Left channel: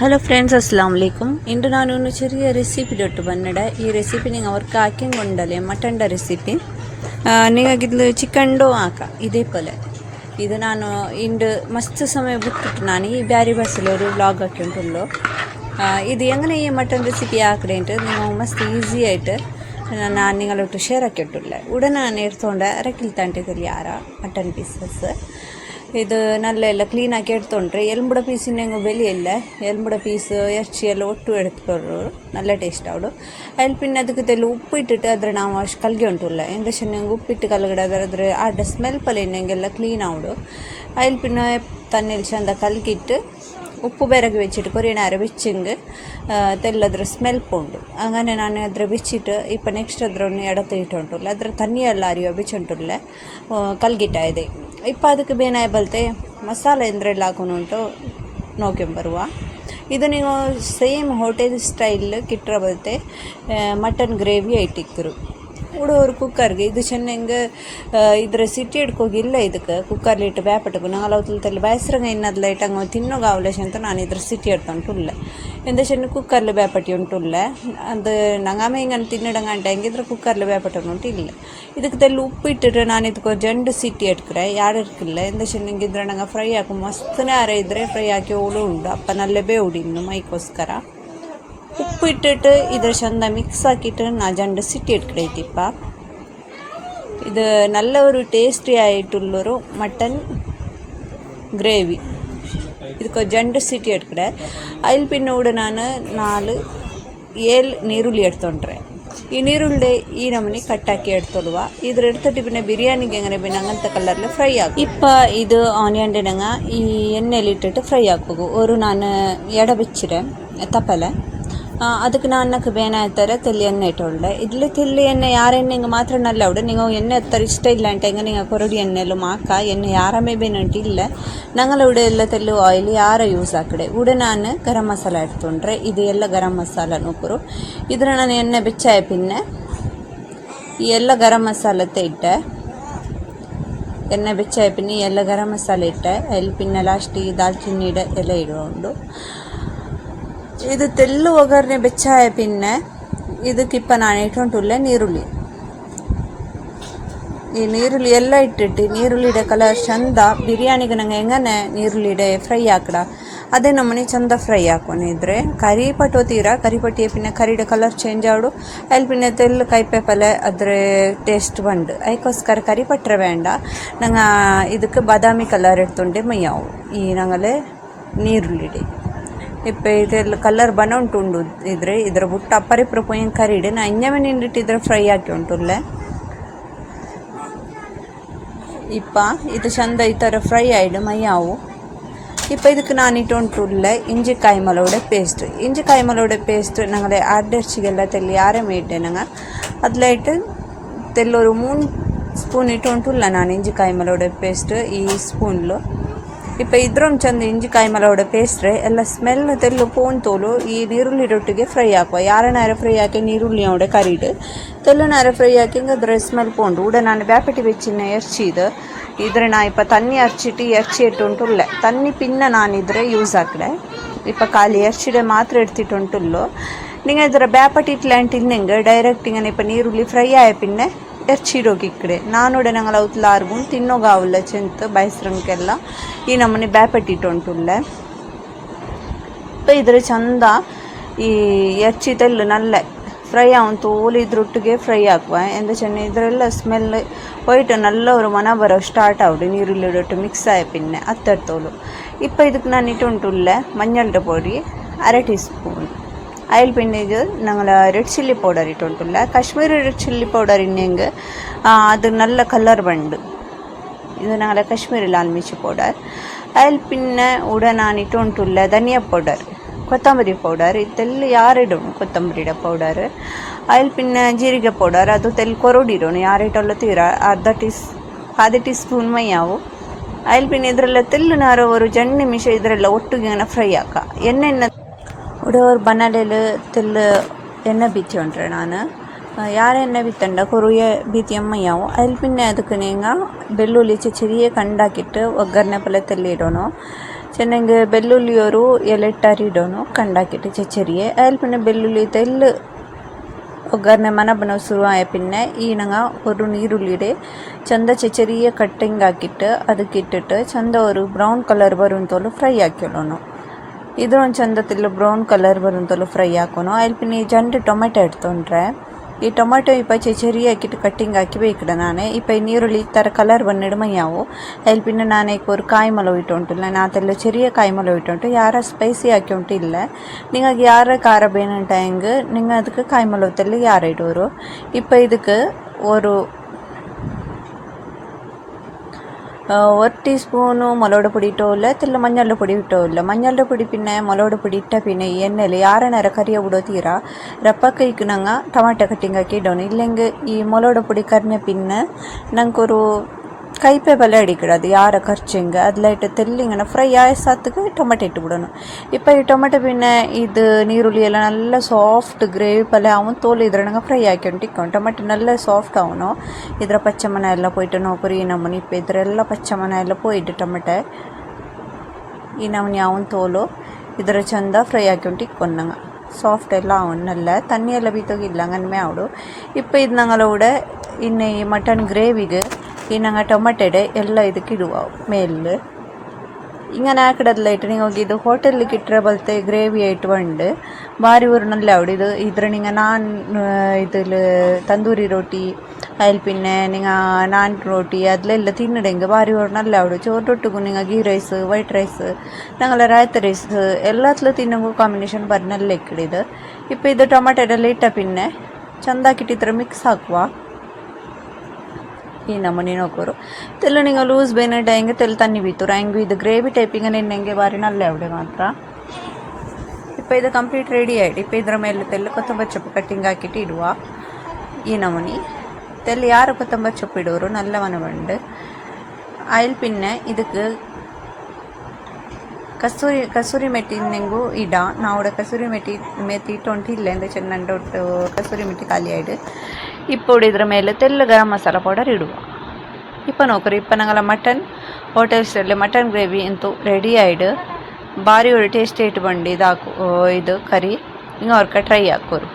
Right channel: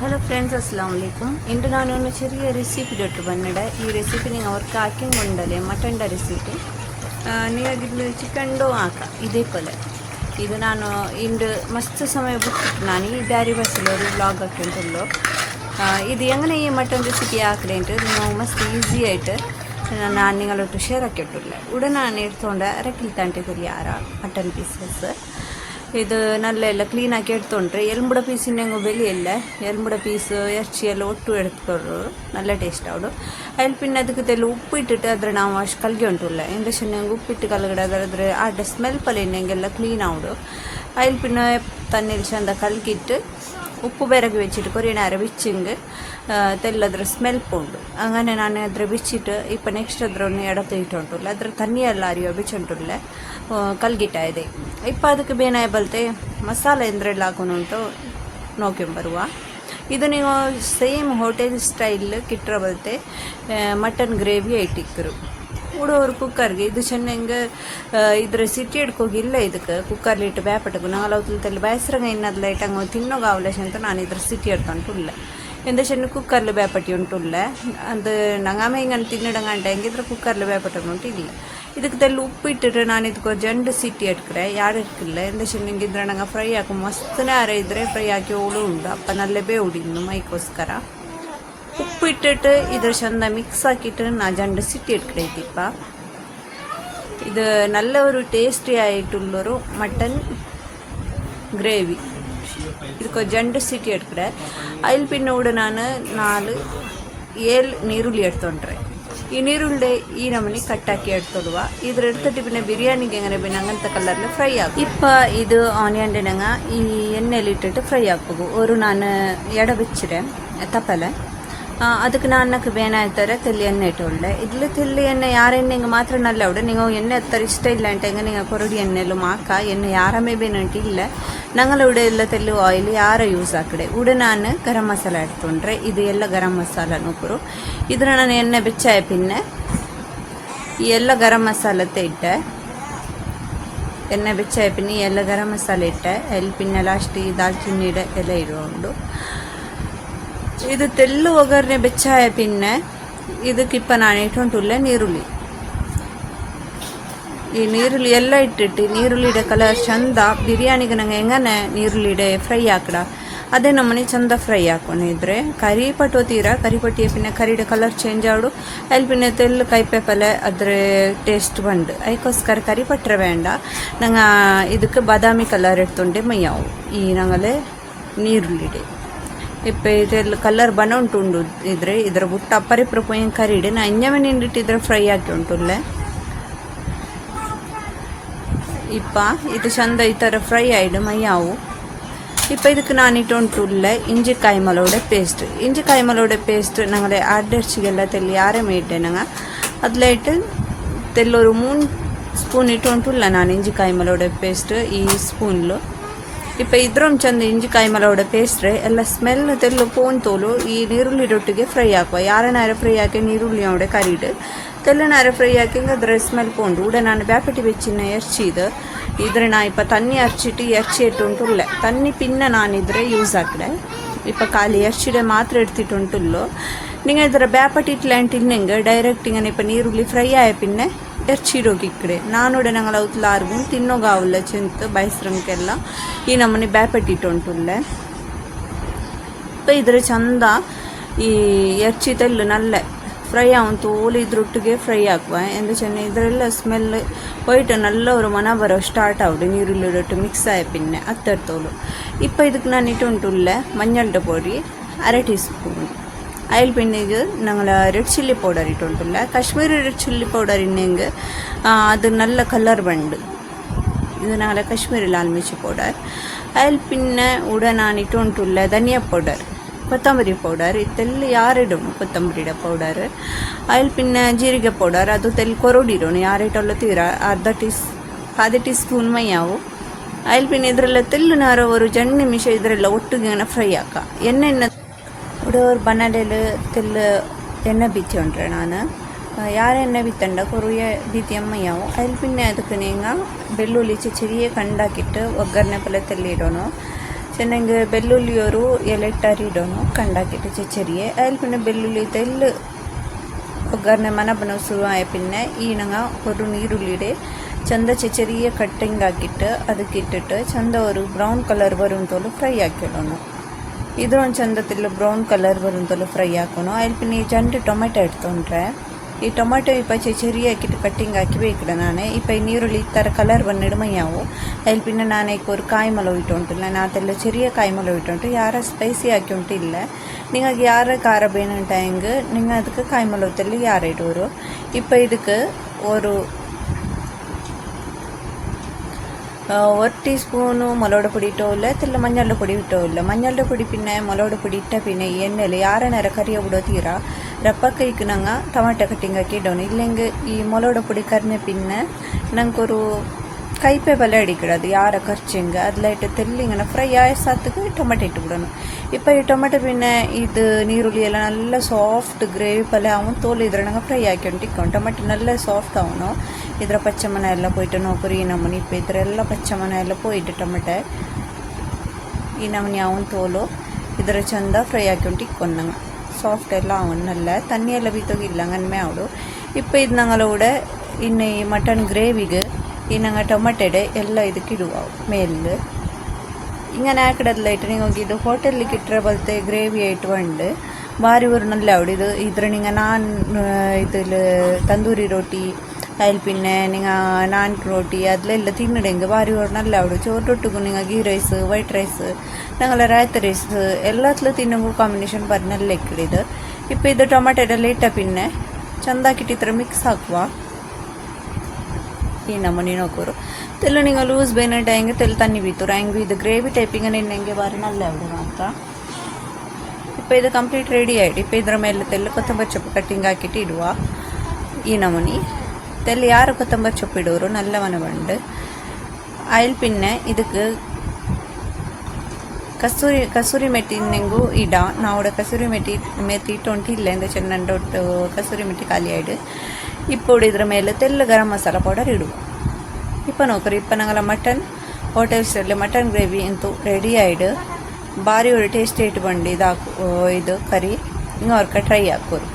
Hello friends, ಅಸ್ಸಲಾಮ್ ವಲೈಕುಮ್. ಇಂದು ನಾನು ಒಂದು ಚೆರಿಯ recipe ದೊಟ್ಟು ಬಂದಿಡ. ಈ ರೆಸಿಪಿ ನೀವು ಅವ್ರ ಹಾಕಿಂಗ್ ಉಂಡಲೆ ಮಟನ್ಡ ರೆಸಿಪಿ ನೀವಾಗಿದ್ದು ಚಿಕನ್ಡು ಹಾಕ ಇದೇ ಪಲ ಇದು ನಾನು ಇಂದು ಮಸ್ತ್ ಸಮಯ ಬಿಟ್ಟಿಟ್ಟು ನಾನು ಈ ಬ್ಯಾರಿ ಬಸ್ಸಲ್ಲೋದು ವ್ಲಾಗ್ ಹಾಕಿಂಟುಳ್ಳು. ಇದು ಹೆಂಗನೆ ಈ ಮಟನ್ ರೆಸಿಪಿ ಹಾಕ್ರೆ ಅಂತ ನಾವು ಮಸ್ತ್ ಈಸಿ ಆಯಿತು ನಾನು ನಿങ്ങളൊട്ട് ഷെയർ ആക്കിയിട്ടുള്ള ഉടനെ ഞാൻ എടുത്തുകൊണ്ട് അരക്കിൽ തണ്ടിതില്ല ആറ മട്ടൻ പീസസ് ಇದು ನಲ್ಲೆಲ್ಲ ಕ್ಲೀನಾಗಿ ಎಡ್ತೊಂಡ್ರೆ ಎಲ್ಬುಡ ಪೀಸಿನಂಗೆ ಬೆಲೆಯಲ್ಲ ಎಲ್ಬುಡ ಪೀಸು ಎರ್ಚಿ ಎಲ್ಲ ಒಟ್ಟು ಎಡ್ತೊಳ್ರು നല്ല ಟೇಸ್ಟ್ ಆವಡು അതിൽ പിന്നെ ಅದಕ್ಕೆಲ್ಲ ಉಪ್ಪು ಇಟ್ಟಿಟ್ಟು ಅದ್ರ ನಾವು ಅಷ್ಟು ಕಲ್ಗೆ ಉಂಟುಲ್ಲ ಎಂದಷ್ಟು ನಂಗೆ ಉಪ್ಪಿಟ್ಟು ಕಲ್ಗಡೆ ಅದ್ರ ಆಡ ಸ್ಮೆಲ್ ಪಲ್ಯಂಗೆಲ್ಲ ಕ್ಲೀನ್ ಆವಡು അതിൽ പിന്നെ തണ്ണിൽ ചന്ത കൽക്കിട്ട് ഉപ്പ് പെരകി വെച്ചിട്ട് കുറേ നേരം വെച്ചെങ്കിൽ തെല്ലದ್ರ ಸ್ಮೆಲ್ ಪೋಂಡು അങ്ങനെ ನಾನು ಅದ್ರ ಬಿಚ್ಚಿಟ್ಟು ಇಪ್ಪ ನೆಕ್ಸ್ಟ್ ಅದ್ರ ಒಂದು ಎಡತ್ತು ಇಟ್ಟುಂಟುಲ್ಲ ಅದ್ರ ತಣ್ಣಿಯೆಲ್ಲ ಅರಿಯೋ ಬಿಚ್ಚುಂಟುಲ್ಲ ಕಲ್ಗಿಟ್ಟಾಯಿದೆ ಇಪ್ಪ ಅದಕ್ಕೆ ಬೇನಾಯ ಬಲ್ತೆ ಮಸಾಲೆ ಎಂದ್ರೆಲ್ಲ ಹಾಕೊಂಡು ನೋಡ್ಕೊಂಬರುವ ಇದು ನೀವು ಸೇಮ್ ಹೋಟೆಲ್ ಸ್ಟೈಲ್ ಕಿಟ್ರ ಬಲ್ತೆ ಮಟನ್ ಗ್ರೇವಿ ಐಟಿಕ್ಕರು ಉಡೋರು ಕುಕ್ಕರ್ಗೆ ಇದು ಚೆನ್ನಾಗಿ ಇದ್ರ ಸಿಟಿ ಇಟ್ಕೋಗಿಲ್ಲ ಇದಕ್ಕೆ ಕುಕ್ಕರ್ಲಿಟ್ಟು ಬ್ಯಾಪಟ್ಟಕು ನಾಳೆ ಅವತ್ತಲ್ಲಿ ಬೇಸರಂಗ ಇನ್ನದು ಲೈಟಂಗೆ ತಿನ್ನೋಗ ಅವಲೇಶ ಅಂತ ನಾನು ಇದ್ರ ಸಿಟಿ ಇಡ್ತೊಂಟುಲ್ಲ ಎಂದ ಚೆನ್ನ ಕುಕ್ಕರ್ಲು ಬೇಪಟ್ಟಿ ಉಂಟುಲ್ಲ ಅದು ನಂಗಾಮೆ ಹಿಂಗೆ ತಿನ್ನಡಂಗಂಟೆ ಹೆಂಗಿದ್ರೆ ಕುಕ್ಕರ್ಲು ಬೇಪಟ್ಟು ಉಂಟು ಇಲ್ಲ ಇದಕ್ಕೆ ತೆಲ್ಲ ಉಪ್ಪು ಇಟ್ಟಿಟ್ರೆ ನಾನು ಇದಕ್ಕೆ ಜಂಡು ಸಿಟಿ ಇಟ್ಕ್ರೆ ಯಾರು ಇಟ್ಕಿಲ್ಲ ಎಂದ ಚೆನ್ನಂಗಿದ್ರೆ ನಂಗೆ ಫ್ರೈ ಹಾಕಿ ಮಸ್ತನೇ ಯಾರೇ ಇದ್ದರೆ ಫ್ರೈ ಹಾಕಿ ಉಳು ಉಂಡು ಅಪ್ಪ ನಲ್ಲೇ ಬೇವುಡಿ ಇನ್ನು ಮೈಗೋಸ್ಕರ ಉಪ್ಪು ಇಟ್ಟಿಟ್ಟು ಇದ್ರ ಚಂದ ಮಿಕ್ಸ್ ಹಾಕಿಟ್ಟು ನಾ ಜಂಡು ಸಿಟಿ ಇಟ್ಕೈತಿಪ್ಪ ಇದು நல்ல ஒரு ಟೇಸ್ಟಿ ಆಯಿಟ್ಟುಳ್ಳರು ಮಟನ್ ಗ್ರೇವಿ ಇದಕ್ಕೆ ಜಂಡು ಸಿಟಿ ಎಡ್ಕಡೆ അതിൽ പിന്നെ ഇവിടെ ನಾನು 4-7 ನೀರುಳ್ಳಿ ಎಡ್ತೊಂಡ್ರೆ ಈ ನೀರುಳ್ಳಿ ಈ ನಮೂನಿ ಕಟ್ಟಾಕಿ ಎಡ್ತೊಳುವ ಇದ್ರ ಎಡ್ತಿಟ್ಟು പിന്നെ ಬಿರಿಯಾನಿಗೆ എങ്ങനെ പിന്നെ അങ്ങനത്തെ കളറിൽ ഫ്രൈ ആക്കും ഇപ്പം ഇത് ഓണിയൻ്റെ ഞങ്ങൾ ഈ എണ്ണയിലിട്ടിട്ട് ഫ്രൈ ആക്കും ഒരു ನಾನು ಎಡ ಬೆಚ್ಚಿರೆ ತಪ್ಪಲೆ ಅದಕ್ಕೆ ನಾನ್ನಕ್ಕೆ ಬೇನೆ ಹಾಕ್ತಾರೆ ತೆಲ್ಲಿ ಎಣ್ಣೆ ಇಟ್ಟೊಳ್ಳೆ ಇಲ್ಲಿ ತೆಲ್ಲಿ ಎಣ್ಣೆ ಯಾರ ಎಣ್ಣೆಗೆ ಮಾತ್ರ ನಲ್ಲ ಅವಡೆ ನೀವು ಎಣ್ಣೆ ಹತ್ತರ ಇಷ್ಟ ಇಲ್ಲ ಅಂಟೆಂಗೆ ನೀವು ಕೊರಡಿ ಎಣ್ಣೆಲ್ಲೂ ಮಾಕ ಎಣ್ಣೆ ಯಾರಮೇ ಬೇನಂಟು ಇಲ್ಲ ನಂಗಲ ಉಡೆ ಎಲ್ಲ ತೆಲ್ಲು ಆಯಿಲ್ ಯಾರ ಯೂಸ್ ಹಾಕಡೆ ಉಡೆ ನಾನು ಗರಂ ಮಸಾಲ ಇಡ್ತೊಂಡ್ರೆ ಇದು ಎಲ್ಲ ಗರಂ ಮಸಾಲ ನೂಕರು ಇದ್ರ ನಾನು ಎಣ್ಣೆ ಬೆಚ್ಚಾಯ ಪಿನ್ನೆ ಈ ಎಲ್ಲ ಗರಂ ಮಸಾಲತ್ತೆ ಇಟ್ಟೆ ಎಣ್ಣೆ ಬೆಚ್ಚಾಯ ಪಿನ್ನಿ ಎಲ್ಲ ಗರಂ ಮಸಾಲೆ ಇಟ್ಟೆ ಅಲ್ಲಿ ಪಿನ್ನೆ ಲಾಸ್ಟ್ ದಾಲ್ಚಿನ್ನಿ ಎಲ್ಲ ಇಡೋಂಡು ಇದು ತೆಲ್ಲು ಒಗ್ಗರಣೆ ಬೆಚ್ಚಾಯ ಪಿನ್ನೆ ಇದಕ್ಕಿಪ್ಪ ನಾನು ಇಟ್ಟುಂಟುಲ್ಲ ನೀರುಳ್ಳಿ ಈ ನೀರುಳ್ಳಿ ಎಲ್ಲ ಇಟ್ಟಿಟ್ಟು ನೀರುಳ್ಳಿಡೆ ಕಲರ್ ಚಂದ ಬಿರಿಯಾನಿಗೆ ನಂಗೆ ಹೆಂಗನೆ ನೀರುಳ್ಳಿಡೆ ಫ್ರೈ ಹಾಕಡ ಅದೇ ನಮ್ಮನೆ ಚಂದ ಫ್ರೈ ಹಾಕೊಂಡಿದ್ರೆ ಕರಿ ಪಟ್ಟೋತೀರ ಕರಿ ಪಟ್ಟಿಯ ಪಿನ್ನೆ ಕರಿಡೆ ಕಲರ್ ಚೇಂಜ್ ಆವಡು ಅಲ್ಲಿ ಪಿನ್ನೆ ತೆಲ್ಲು ಕೈಪೆ ಪಲ್ಲೆ ಅದ್ರ ಟೇಸ್ಟ್ ಬಂಡು ಅದಕ್ಕೋಸ್ಕರ ಕರಿ ಪಟ್ಟರೆ ಬೇಡ ನಂಗೆ ಇದಕ್ಕೆ ಬಾದಾಮಿ ಕಲರ್ ಇಡ್ತುಂಡೆ ಮೈಯಾವು ಈ ನಂಗಲೆ ನೀರುಳ್ಳಿಡೆ ಇಪ್ಪ ಇದೆಲ್ಲ ಕಲರ್ ಬನ ಉಂಟುಂಡು ಇದ್ರೆ ಇದರ ಬುಟ್ಟ ಅಪ್ಪರಿಪ್ರ ಪೊಯ್ಯಂಗೆ ಕರಿಡು ನಾ ಇನ್ನವೇ ನಿಂಡಿಟ್ಟಿದ್ರೆ ಫ್ರೈ ಹಾಕಿ ಉಂಟುಲ್ಲೆ ಇಪ್ಪ ಇದು ಚಂದ ಈ ಥರ ಫ್ರೈ ಆಯ್ಡು ಮೈಯಾವು ಇಪ್ಪ ಇದಕ್ಕೆ ನಾನು ಇಟ್ಟುಂಟುಲ್ಲೆ ಇಂಜಿ ಕಾಯಿ ಮಲೋಡೆ ಪೇಸ್ಟ್ ನಂಗೆ ಅಡ್ಡರ್ಚಿಗೆಲ್ಲ ತೆಲ್ಲಿ ಯಾರೇ ಮೇಯ್ಡೆ ನಂಗೆ ಅದ್ಲೈಟ್ ತೆಲ್ಲೊರು 3 ಸ್ಪೂನ್ ಇಟ್ಟುಂಟುಲ್ಲ ನಾನು ಇಂಜಿ ಕಾಯಿ ಮಲೋಡೆ ಪೇಸ್ಟ್ ಈ ಸ್ಪೂನ್ಲು ಇಪ್ಪ ಇದ್ರೊಂದು ಚಂದ ಇಂಜಿ ಕಾಯಿ ಮಲೋಡೆ ಪೇಸ್ಟ್ರೆ ಎಲ್ಲ ಸ್ಮೆಲ್ ತೆಲ್ಲು ಪೋನ್ ತೋಲು ಈ ನೀರುಳ್ಳಿ ರೊಟ್ಟಿಗೆ ಫ್ರೈ ಹಾಕುವ ಯಾರನಾರ ಫ್ರೈ ಹಾಕಿ ನೀರುಳ್ಳಿ ಅವಡೆ ಕರಿಡು ತೆಲ್ಲನಾರ ಫ್ರೈ ಹಾಕಿ ಅದ್ರ ಸ್ಮೆಲ್ ಪೋಂಡು ಉಡೆ ನಾನು ಬ್ಯಾಪಟಿ ಬೆಚ್ಚಿನ ಎರ್ಚಿದು ಇದ್ರೆ ನಾ ಇಪ್ಪ ತಣ್ಣಿ ಎರ್ಚಿ ಇಟ್ಟುಂಟುಲ್ಲೆ ತಣ್ಣಿ ಪಿನ್ನ ನಾನಿದ್ರೆ ಯೂಸ್ ಹಾಕಡೆ ಇಪ್ಪ ಖಾಲಿ ಎರ್ಚಿಡೆ ಮಾತ್ರ ಎಡ್ತಿಟ್ಟುಂಟುಲ್ಲು ನಿಂಗೆ ಇದರ ಬ್ಯಾಪಟಿ ಇಟ್ಲಾಂಟಿಲ್ ನಿಂಗೆ ಡೈರೆಕ್ಟ್ ಹಿಂಗೆ ಇಪ್ಪ ನೀರುಳ್ಳಿ ಫ್ರೈ ಆಯ ಪಿನ್ನೆ ಎರ್ಚಿಡೋಗಿ ಇಕ್ಕಡೆ ನಾನೋಡೆ ನಂಗೆ ಅವತ್ಲಾರ್ಗು ತಿನ್ನೋಗಾವಲ್ಲ ಚೆಂತ ಬಯಸ್ರಂಗೆಲ್ಲ ಈ ನಮ್ಮನೆ ಬ್ಯಾಪಟ್ಟಿಟ್ಟುಂಟುಲ್ಲೆ ಇದ್ರ ಚಂದ ಈ ಎರ್ಚಿ ತೆಲ್ಲು ನಲ್ಲೆ ಫ್ರೈ ಅವನು ತೋಲು ಇದ್ರೊಟ್ಟಿಗೆ ಫ್ರೈ ಹಾಕುವ ಎಂದ ಚೆನ್ನ ಇದರೆಲ್ಲ ಸ್ಮೆಲ್ ವೈಟ್ ನಲ್ಲ ಅವರು ಮನ ಬರೋ ಸ್ಟಾರ್ಟ್ ಆವಿಡು ನೀರುಳ್ಳಿ ಒಟ್ಟು ಮಿಕ್ಸ್ ಆಯ ಪಿನ್ನೆ ಹತ್ತರ ತೋಲು ಇಪ್ಪ ಇದಕ್ಕೆ ನಾನು ಇಟ್ಟುಂಟುಲ್ಲೆ ಮಂಜಳ ಪೊಡಿ 1/2 ಟೀ ಸ್ಪೂನ್ ಆಯಿಲ್ ಪಿನ್ನಿಗೆ ನಂಗೆ ರೆಡ್ ಚಿಲ್ಲಿ ಪೌಡರ್ ಇಟ್ಟುಂಟುಲ್ಲ ಕಾಶ್ಮೀರಿ ರೆಡ್ ಚಿಲ್ಲಿ ಪೌಡರ್ ಇನ್ನೆಂಗೆ ಅದು ನಲ್ಲ ಕಲರ್ ಬಂಡು ಇದು ನಂಗೆ ಕಾಶ್ಮೀರಿ ಲಾಲ್ ಮಿರ್ಚಿ ಪೌಡರ್ ಆಯಿಲ್ ಪಿನ್ನೆ ಉಡ ನಾನು ಇಟ್ಟುಂಟುಲ್ಲ ಧನಿಯಾ ಪೌಡರ್ ಕೊತ್ತಂಬರಿ ಪೌಡರ್ ಇದೆಲ್ಲ ಯಾರಿಡೋನು ಕೊತ್ತಂಬರಿಡ ಪೌಡರ್ ಆಯಿಲ್ ಪಿನ್ನೆ ಜೀರಿಗೆ ಪೌಡರ್ ಅದು ತೆಲ್ ಕೊರಡಿರೋನು ಯಾರಿಟ್ಟಲ್ಲ ತೀರ 1/2 ಟೀ ಸ್ಪೂನ್ ಮೈಯಾವು ಆಯಿಲ್ ಪಿನ್ನೆ ಇದರೆಲ್ಲ ತೆಲ್ಲು ನಾರೋ ಅವರು ಜಣ್ಣೆ ಮಿಷ ಇದರೆಲ್ಲ ಒಟ್ಟಿಗೆ ಫ್ರೈ ಹಾಕ ಎಣ್ಣೆ ಉಡೋರು ಬನ್ನಲೆಲು ತೆಲ್ಲು ಎಣ್ಣೆ ಬೀಚಿ ಉಂಟ್ರೆ ನಾನು ಯಾರ ಎಣ್ಣೆ ಬಿತ್ತಂಡ ಕೊರುಯ ಬೀತಿ ಅಮ್ಮಯ್ಯಾವು അതിൽ പിന്നെ ಅದಕ್ಕೆ ನೀಂಗ ಬೆಳ್ಳುಳ್ಳಿ ಚೆರಿಯ ಕಂಡಾಕಿಟ್ಟು ಒಗ್ಗರಣೆ ಪಲ್ಲೆ ತೆಲ್ಲಿ ಇಡೋನು ಚೆನ್ನಾಗಿ ಬೆಳ್ಳುಳ್ಳಿಯವರು ಎಲೆಟ್ಟರಿಡೋನು ಕಂಡಾಕಿಟ್ಟು ಚೆಚ್ಚರಿಯೆ അതിൽ പിന്നെ ಬೆಳ್ಳುಳ್ಳಿ തെല്ല് ಒಗ್ಗರಣೆ ಮನ ಬನೋ ಶುರುವಾയ പിന്നെ ഈണങ്ങ ഒരു നീരുള്ളിയുടെ ಚಂದ ಚೆಚ್ಚರಿಯ ಕಟ್ಟಿಂಗ್ ಹಾಕಿಟ್ಟು ಅದಕ್ಕೆ ಇಟ್ಟಿಟ್ಟು ಚಂದ ഒരു ಬ್ರೌನ್ ಕಲರ್ ಬರುವಂತಲು ಫ್ರೈ ಹಾಕಿಡೋನು ಇದೊಂದು ಚಂದത്തിൽ ಬ್ರೌನ್ ಕಲರ್ ಬರುವಂತಲು ಫ್ರೈ ಹಾಕೋನು അതിൽ പിന്നെ ഈ 2 ಟೊಮೆಟೊ എടുത്തോണ്ടേ ಈ ಟೊಮೆಟೊ ഇപ്പോൾ ചെറിയാക്കിയിട്ട് കട്ടിങ് ആക്കി വെക്കണം ನಾನು ഇപ്പോൾ ಈ ನೀರುಳ್ಳಿ ಈ ಥರ ಕಲರ್ ಬಂದಿಡುಮಯ್ಯಾವು അതിൽ പിന്നെ ನಾನು ഒരു ಕಾಯಿಮಲ ಇಟ್ಟುಂಟಿಲ್ಲ ನಾತೆಲ್ಲ ചെറിയ ಕಾಯಿಮಲ ಇಟ್ಟುಂಟು ಯಾರ ಸ್ಪೈಸಿ ಹಾಕಿ ಉಂಟಿಲ್ಲ നിങ്ങൾക്ക് ಯಾರ ಖಾರ ಬೇನುಂಟಾಯಂಗೆ നിങ്ങൾ ಅದಕ್ಕೆ ಕಾಯಿಮಲದಲ್ಲಿ ಯಾರ ಇಡೋರು ഇപ്പോൾ ಇದಕ್ಕೆ ഒരു ടീസ്പൂണ് മുളക് പൊടി ഇട്ടില്ല തെല്ല മഞ്ഞളുടെ പൊടി ഇട്ടില്ല മഞ്ഞളുടെ പൊടി പിന്നെ മുളക് പൊടി ഇട്ട പിന്നെ ഈ എണ്ണയിൽ ಯಾರನಾರ ಕರಿಯ ಬಿಡೋ ತೀರಾ ರಪ್ಪಕ್ಕೆ ಇಕ್ಕನಂಗ ಟೊಮಾಟೊ ಕಟ್ಟಿಂಗ್ ಹಾಕಿ ಇಡೋನು ಇല്ലെങ്കിൽ ಈ ಮುളക് പൊടി ಕರಿഞ്ഞ പിന്നെ ഞങ്ങൾക്കൊരു കൈപ്പേപ്പല അടിക്കിടത് യാര കറിച്ചെങ്കിൽ അതിലായിട്ട് തെല്ലി ഇങ്ങനെ ഫ്രൈ ആയ സ്ഥലത്തേക്ക് ടൊമാറ്റോ ഇട്ട് വിടണം ഇപ്പോൾ ഈ ടൊമാറ്റോ പിന്നെ ഇത് നീരുള്ളിയെല്ലാം നല്ല സോഫ്റ്റ് ഗ്രേവി പോലെ ആവും തോല് ഇದ್ರೊಳಗೆ ಫ್ರೈ ಹಾಕಿಟ್ಟಿಕ್ಕೊಂಡು ಟೊಮೆಟೊ നല്ല ಸಾಫ್ಟ್ ಆವನು ಇದರ ಪಚ್ಚಮನ ಎಲ್ಲ പോയിട്ട് ನೋಕರಿ ಈ ನಮ್ಮನೆ ഇപ്പോൾ ಇದರೆಲ್ಲ ಪಚ್ಚಮನ ಎಲ್ಲ പോയിട്ട് ಟೊಮೆಟೊ ಈ ನಮ್ಮನೆ ಆವನ್ തോಲು ಇದರ ಚಂದ ಫ್ರೈ ಹಾಕಿಟ್ಟಿಕ್ಕೊಂಡಂಗ ಸಾಫ್ಟ್ ಎಲ್ಲ ಆವನ್ನಲ್ಲ ತಣ್ಣಿ ಎಲ್ಲ ಬೀತೋಗಿಲ್ಲ അങ്ങനെ ആവಡು ഇപ്പോൾ ಇದು ഞങ്ങളവിടെ ಇನ್ನು ಈ ಮಟನ್ ಗ್ರೇವಿಗೆ ಈ ഞങ്ങൾ ಟೊಮೆಟೊಡೆ ಎಲ್ಲ ಇದಕ್ಕೆ ಇಡುವ ಮೇಲೆ ഇങ്ങനെ ആക്കിടത്തിലായിട്ട് നിങ്ങൾക്ക് ഇത് ഹോട്ടലിൽ കിട്ടുന്ന പോലത്തെ ഗ്രേവി ആയിട്ട് വേണ്ട ഭാരി ഒരു നല്ല അവിടെ ഇതിൽ നിങ്ങൾ ഇതിൽ തന്തൂരി റൊട്ടി അതിൽ പിന്നെ നിങ്ങൾ നാൻ റൊട്ടി അതിലെല്ലാം തിന്നിടെങ്കിൽ ഭാരി ഒരു നല്ല അവിടെ ചോറിട്ടൊട്ടുക്കും നിങ്ങൾ ഗീ റൈസ് വൈറ്റ് റൈസ് ഞങ്ങളെ രായത്തെ റൈസ് എല്ലാത്തിലും തിന്നുമ്പോൾ കോമ്പിനേഷൻ പറഞ്ഞ നല്ല ഇക്കിടിത് ഇപ്പോൾ ഇത് ടൊമാറ്റോ എല്ലാം ഇട്ട പിന്നെ ചന്താക്കിയിട്ട് ഇത്ര മിക്സ് ആക്കുക ಈ ನಮೂನೆ ನೋಕೋರು ತೆಲ್ಲ ನಿಂಗೆ ಲೂಸ್ ಬೇನೆಟ್ ಹೆಂಗೆ ತೆಲ್ ತನ್ನಿ ಬೀತರು ಹೆಂಗೆ ಇದು ಗ್ರೇವಿ ಟೈಪಿಂಗ್ ನಿನ್ನೆಂಗೆ ಬಾರಿ ನಲ್ಲ ಅವಡೆ ಮಾತ್ರ ഇപ്പോൾ ഇത് കംപ്ലീറ്റ് റെഡി ആയിട്ട് ഇപ്പോൾ ಇದರ ಮೇಲೆ ತೆಲ್ಲ ಕೊತ್ತಂಬರಿ ಸೊಪ್ಪು ಕಟ್ಟಿಂಗ್ ಹಾಕಿಟ್ಟು ಇಡುವ ಈ ನಮೂನಿ ತೆಲ್ಲ ಯಾರು ಕೊತ್ತಂಬರಿ ಸೊಪ್ಪು ಇಡುವರು നല്ല ಮನമുണ്ട് അതിൽ പിന്നെ ಇದಕ್ಕೆ ಕಸೂರಿ ಮೆಟ್ಟಿ ನಿಂಗೂ ಇಡಾಂ ನಾವು ಕಸೂರಿ ಮೆಟ್ಟಿ ಇಟ್ಟೊಂಟಿಲ್ಲ ಎಂದು ಚೆನ್ನಂಡು ಒಟ್ಟು ಕಸೂರಿ ಮೆಟ್ಟಿ ಖಾಲಿಯಾಯಿಡು ഇപ്പോൾ ಇದರ ಮೇಲೆ ತೆಲ್ಲ ಗರಂ ಮಸಾಲ ಪೌಡರ್ ಇಡುವ ഇപ്പോൾ നോക്കറി ഇപ്പോൾ ഞങ്ങളെ മട്ടൻ ഹോട്ടൽ സ്റ്റൈലിൽ മട്ടൻ ഗ്രേവി ಅಂತೂ ರೆಡಿ ಆಯಿಡು ಭಾರಿ ഒരു ಟೇಸ್ಟ್ ಆയിട്ട് ಬಂದು ಇದು ಕರಿ ಹಿಂಗೆ ಅವ್ರಿಗೆ ಟ್ರೈ ಹಾಕೋರು